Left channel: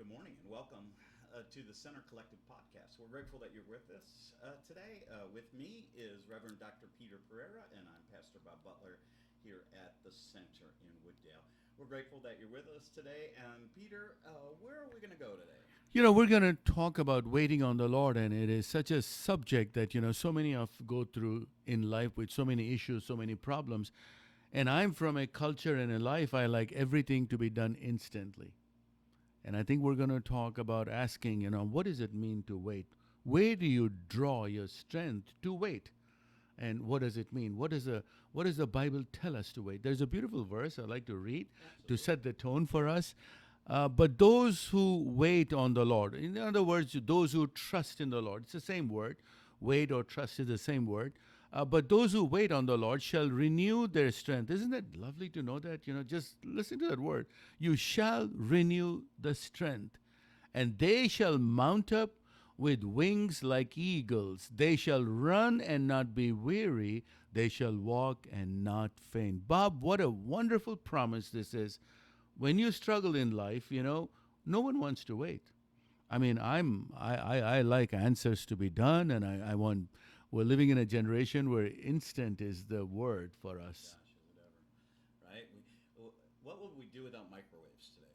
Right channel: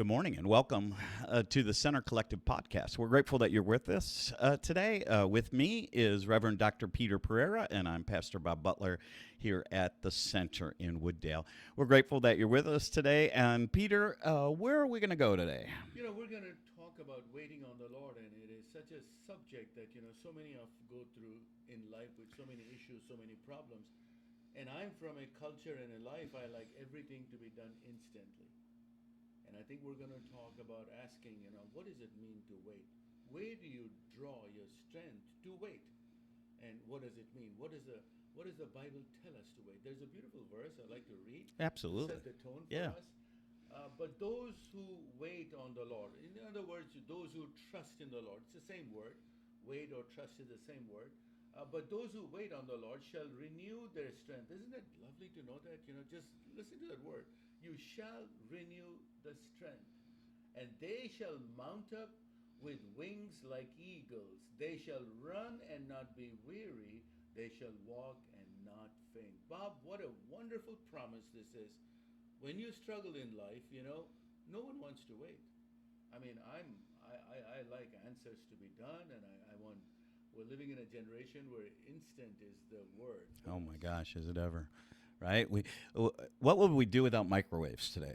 Good morning and welcome to the Center Collective Podcast. We're grateful that you're with us today. With me is Reverend Dr. Peter Pereira, and I'm Pastor Bob Butler here at the Center in Wooddale. We're grateful that you're with us today. And Peter, where are we going to go today? We're going to talk about waiting on the Lord, and it is such a subject that, so many of go through in life with so many issues, so many problems. And I'm from a culture and a life, I like everything to be done instantly. And I think we're going to talk about asking, what does it mean to wait? Where do you draw your strength to wait? And what does it mean? What does the Bible tell us to wait? There's a beautiful verse I'd like to read Absolutely. to set the tone for us. But those who wait on the Lord, in other words, those who trust in the Lord, it's the same word. Wait or trust is the same word. But those who wait on the Lord shall renew their strength. Isn't it lovely to know that? Just listen to that word. You shall renew the strength, and they shall mount up with wings like eagles. They shall run and not be weary. They shall walk and not faint. Bob, what a wonderful promise this is. When you struggle in life, no one wants to wait. I mean, I like answers to be done, and I want. We're living in a generation where instant is the word for us. Oh my gosh, is it ever? Right? What would we do without microwaves today?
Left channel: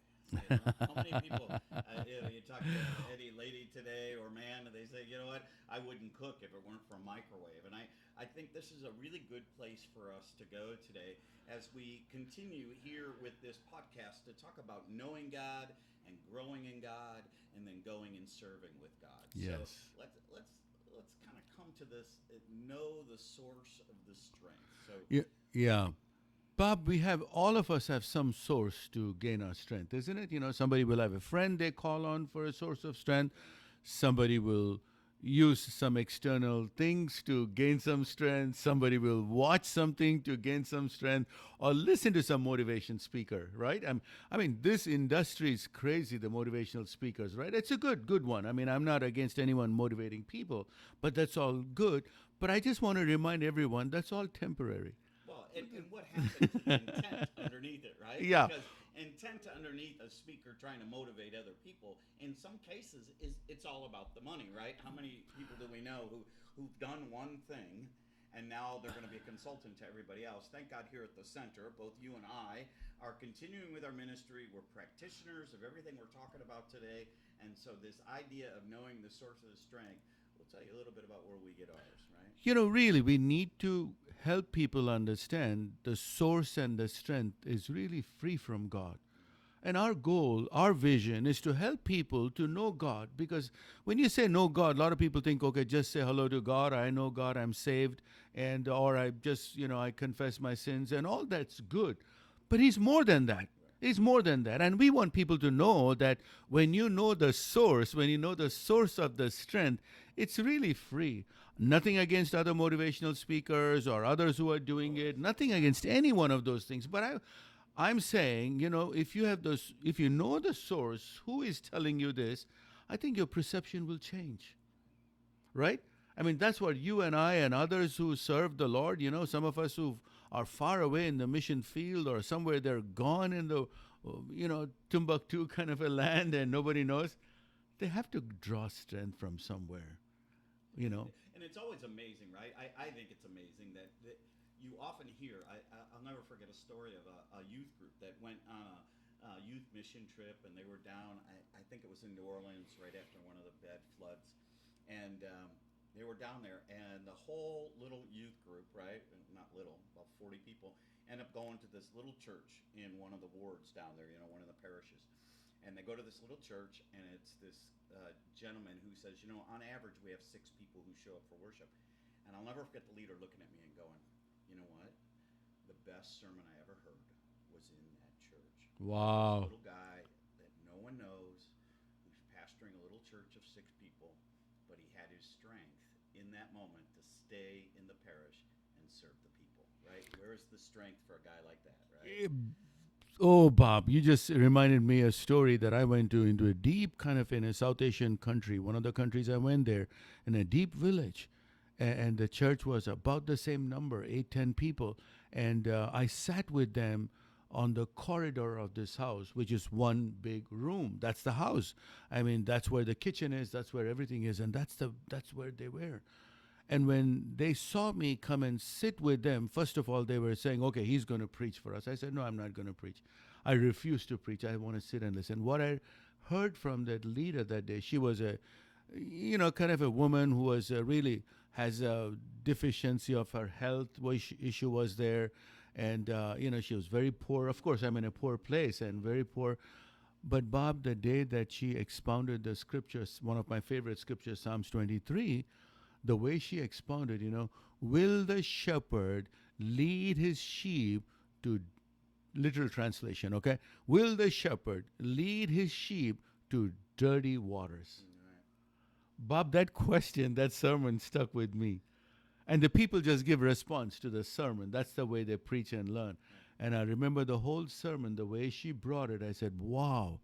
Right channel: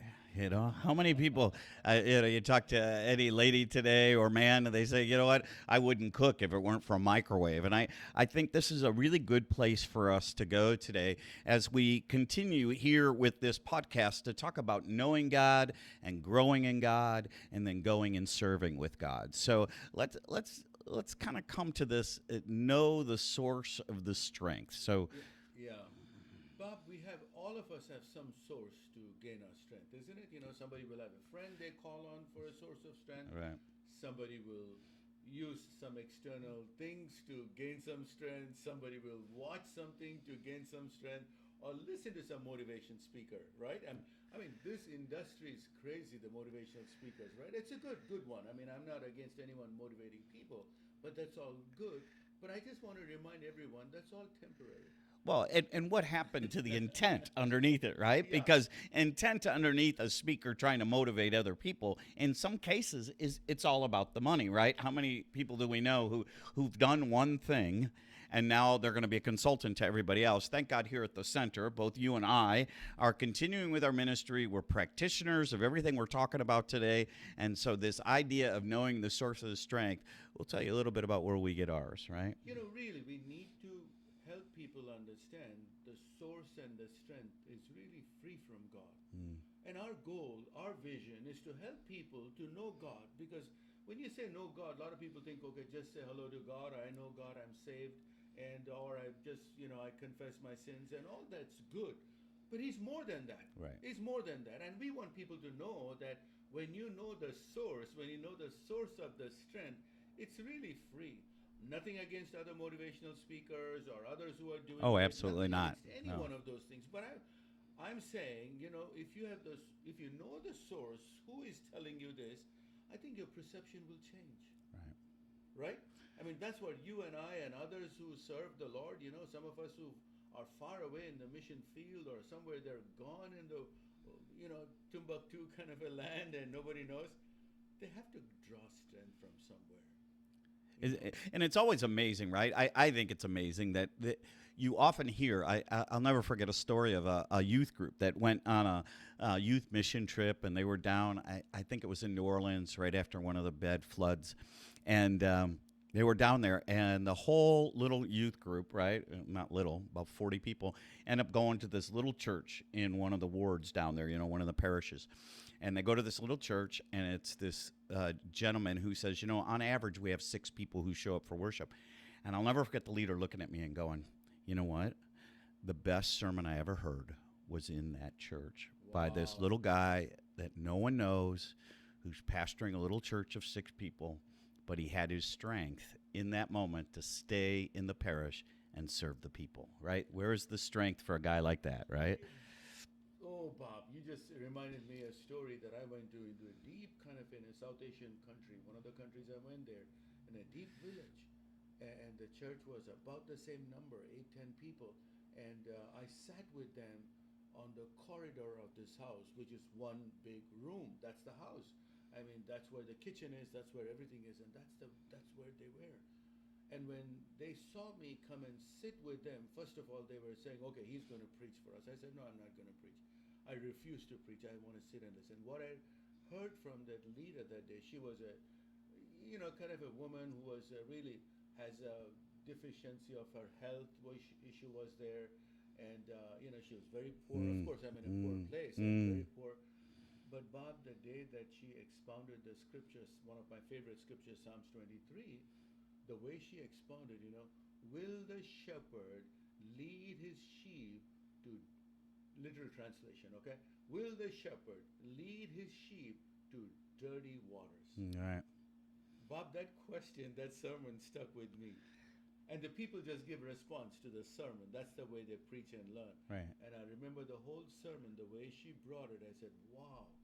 How many people? You talk to any lady today or man, and they say, you know what? I wouldn't cook if it weren't for a microwave. And I think this is a really good place for us to go today as we continue here with this podcast to talk about knowing God and growing in God, and then going and serving with God. Yes. So let's kind of come to this, know the source of the strength. So yeah. Bob, all of us have some source to gain our strength, isn't it? Somebody will have a friend they call on for a source of strength. Right. Somebody will use some external things to gain some strength. Somebody will watch something to gain some strength, or listen to some motivation speaker, right? I mean, this industry is crazy, the motivational speakers, right? It's a good one. I mean, I'm not against anyone motivating people, but that's all good. But I just want to remind everyone that's all temporary. Well, and what happened to the intent underneath it, right? Yeah. Because intent underneath a speaker trying to motivate other people, in some cases, it's all about the money, right? How many people do we know who've done one thing, and now they're going to be a consultant to everybody else? Thank God here at the Center, both you and I are continuing with our ministry. We're practitioners of everything we're talking about today. And so this idea of knowing the source of the strength, we'll tell you a little bit about where we get ours, right? Really, we need to help people understand the source and the strength is really free from God. And our goal, our vision is to help people to know God. Because when you say know God, a lot of people think, okay, just say hello to God. I know God, I'm saved. Or I just, I confess my sins, and all that's good. But he's more than that. Right. He's more than that. And we want people to know that when you know the source, when you know the source of the strength, it's really free. Nothing against other motivational speakers or others who are doing it. Nothing against any one of those things. But I'm saying, if you know the source, who is telling you this, I think your perception will change. Right? I mean, that's what you and I and others who serve the Lord, some of us who are far away in the mission field, or somewhere they're gone in the, Timbuktu kind of a land and nobody knows, they have to draw strength from somewhere. And it's always amazing, right? I think it's amazing that you often hear, I'll never forget a story of a youth group that went on a youth mission trip, and they were down, I think it was in New Orleans right after one of the bad floods. And they were down there, and the whole little youth group, right, not little, about 40 people, end up going to this little church in one of the wards down there, one of the parishes. And they go to this little church, and it's this gentleman who says, on average, we have 6 people who show up for worship. And I'll never forget the leader looking at me and going, you know what? The best sermon I ever heard was in that church. Wow. By this little guy that no one knows, who's pastoring a little church of 6 people. But he had his strength in that moment to stay in the parish and serve the people, right? Where is the strength for a guy like that, right? Oh, Bob, you just reminded me a story that I went into a deep kind of in a South Asian country, one of the countries I went there, in a deep village. And the church was about the same number, 8, 10 people. And I sat with them on the corridor of this house, which is one big room. That's the house. I mean, that's where the kitchen is. That's where everything is, and that's where they were. And when they saw me come and sit with them, first of all, they were saying, "Okay, he's going to preach for us." I said, "No, I'm not going to preach. I refuse to preach. I want to sit and listen." What I heard from that leader that day, she was kind of a woman who was really has a deficiency of her health issue was there, and she was very poor. Of course, I'm in a poor place and very poor. But Bob, the day that she expounded the scriptures, one of my favorite scriptures, Psalms 23, the way she expounded, will the shepherd lead his sheep to, literal translation, okay? Will the shepherd lead his sheep to dirty waters? Right. Bob, that question, that sermon stuck with me. And the people just give response to the sermon. That's the way they preach and learn. Right. And I remember the whole sermon, the way she brought it, I said, wow,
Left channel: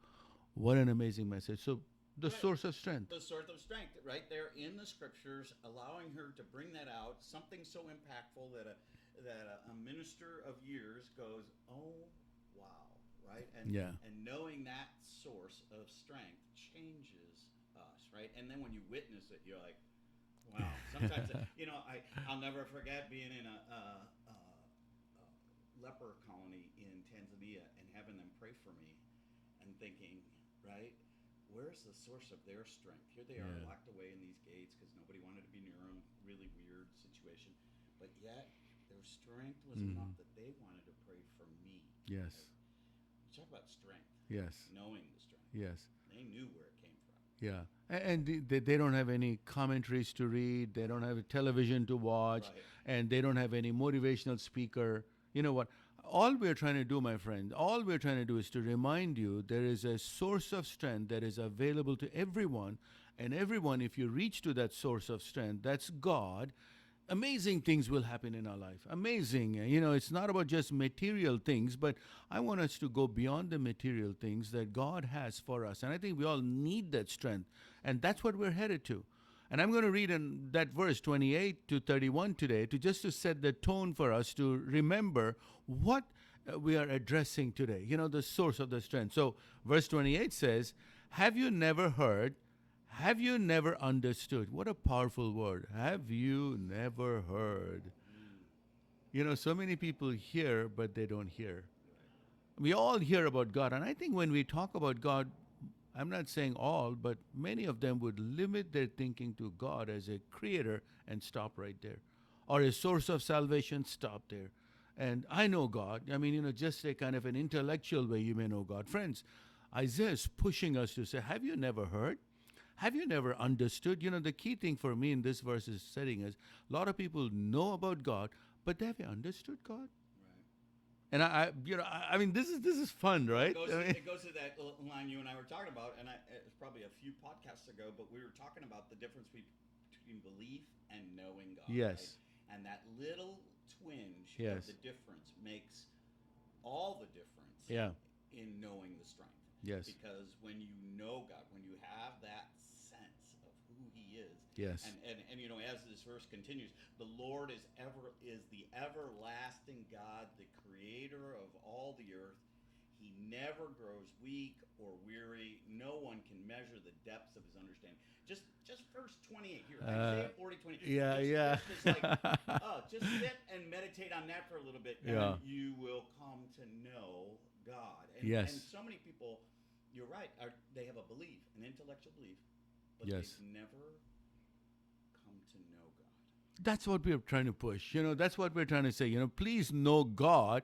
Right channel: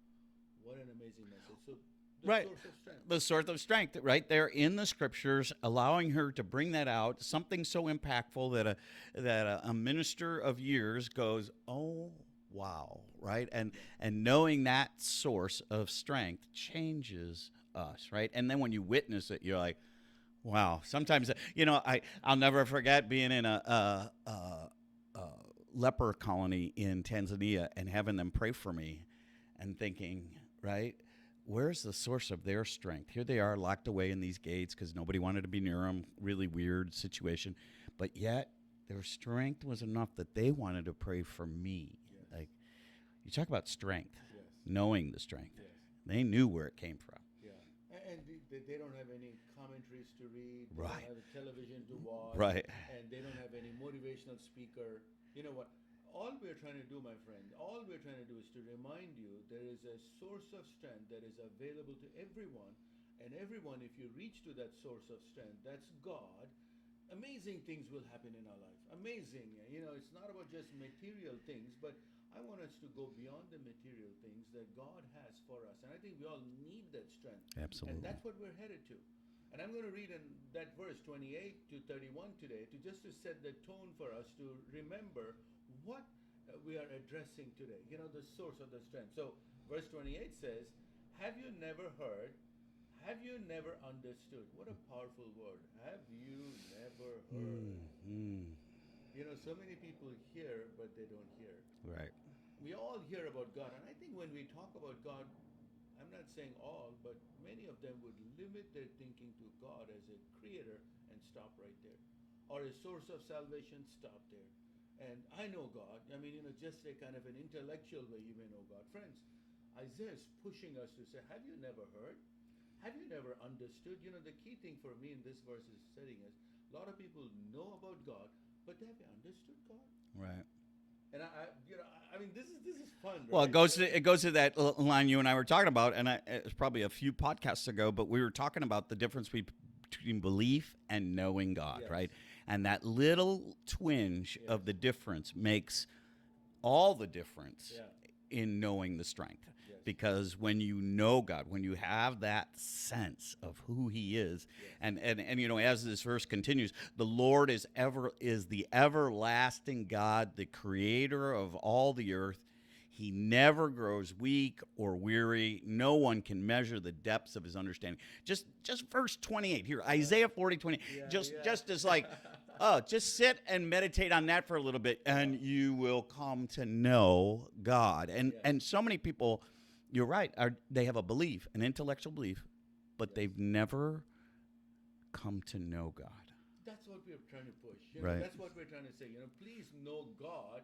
what an amazing message. So the source of strength. The source of strength, right there in the scriptures, allowing her to bring that out, something so impactful that a minister of years goes, oh, wow, right? And knowing that source of strength changes us, right? And then when you witness it, you're like, wow. Sometimes, I'll never forget being in a leper colony in Tanzania and having them pray for me and thinking, right, where's the source of their strength? Here they are locked away in these gates because nobody wanted to be near them. Really weird situation. But yet their strength was enough that they wanted to pray for me. Yes. Like, you talk about strength. Yes. Knowing the strength. Yes. They knew where it came from. Yeah. And they don't have any commentaries to read. They don't have television to watch. Right. And they don't have any motivational speaker. You know what? All we're trying to do, my friend, all we're trying to do is to remind you there is a source of strength that is available to everyone. And everyone, if you reach to that source of strength, that's God, amazing things will happen in our life. Amazing. It's not about just material things, but I want us to go beyond the material things that God has for us. And I think we all need that strength. Absolutely. And that's what we're headed to. And I'm going to read in that verse 28 to 31 today to set the tone for us to remember what we are addressing today, the source of the strength. So verse 28 says, have you never heard? Have you never understood? What a powerful word. Have you never heard? So many people hear, but they don't hear. Right. We all hear about God. And I think when we talk about God, I'm not saying all, but many of them would limit their thinking to God as a creator and stop right there. Or a source of salvation, stop there. And I know God. I mean, just a kind of an intellectual way you may know God. Friends, Isaiah is pushing us to say, have you never heard? Have you never understood? The key thing for me in this verse is setting is a lot of people know about God, but have you understood God? Right. And I mean, this is fun, right? Well, it goes to that line you and I were talking about, and it was probably a few podcasts ago, but we were talking about the difference between belief and knowing God, Yes. right? And that little twinge Yes. of the difference makes all the difference Yeah. in knowing the strength. Yes. Because when you know God, when you have that sense of who He is, Yes. and as this verse continues, the Lord is the everlasting God, the creator of all the earth. He never grows weak or weary. No one can measure the depths of His understanding. Just verse 28 here, Isaiah 40:20. Just as like, just sit and meditate on that for a little bit, and you will come to know God. And so many people, you're right, they have a belief, an intellectual belief, but they've never come to know God. That's what we're trying to push. Right. That's what we're trying to say. Please know God.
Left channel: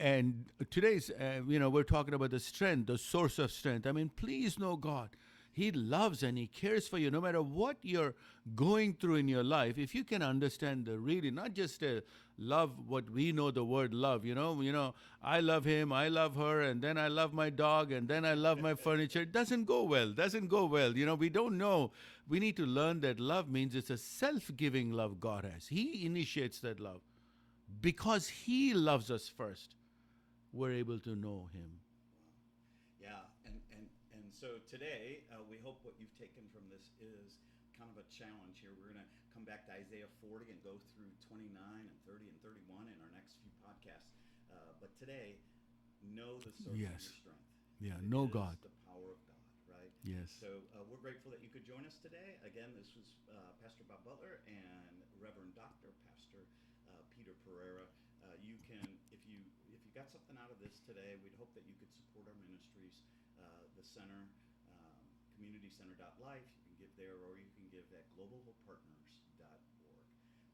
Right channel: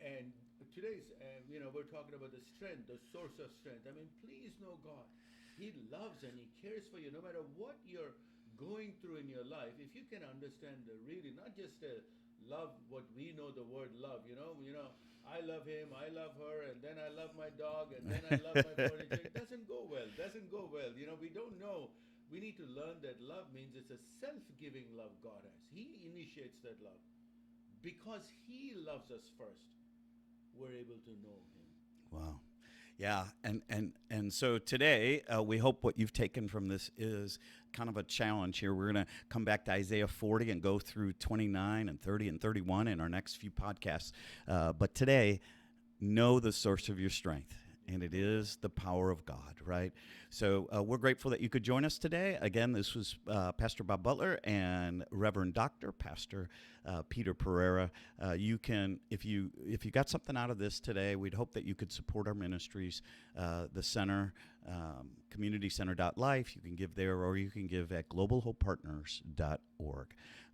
And today's, we're talking about the strength, the source of strength. I mean, please know God. He loves and He cares for you no matter what you're going through in your life. If you can understand not just love what we know the word love, I love him, I love her, and then I love my dog, and then I love my furniture. It doesn't go well. We don't know. We need to learn that love means it's a self-giving love God has. He initiates that love. Because He loves us first, we're able to know Him. Wow. Yeah, and so today, we hope what you've taken from this is kind of a challenge here. We're going to come back to Isaiah 40 and go through 29 and 30 and 31 in our next few podcasts. But today, know the source of Yes. your strength. Yeah, And it know is God. the power of God, right? Yes. So we're grateful that you could join us today. Again, this was Pastor Bob Butler and Reverend Dr. Pastor Peter Pereira. You can, if you got something out of this today, we'd hope that you could support our ministries, the center, communitycenter.life. You can give there, or you can give at globalhopepartners.org.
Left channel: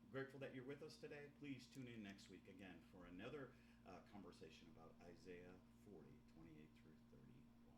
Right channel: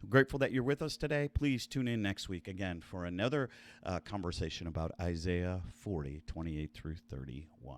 I'm grateful that you're with us today. Please tune in next week again for another conversation about Isaiah 40, 28 through 31.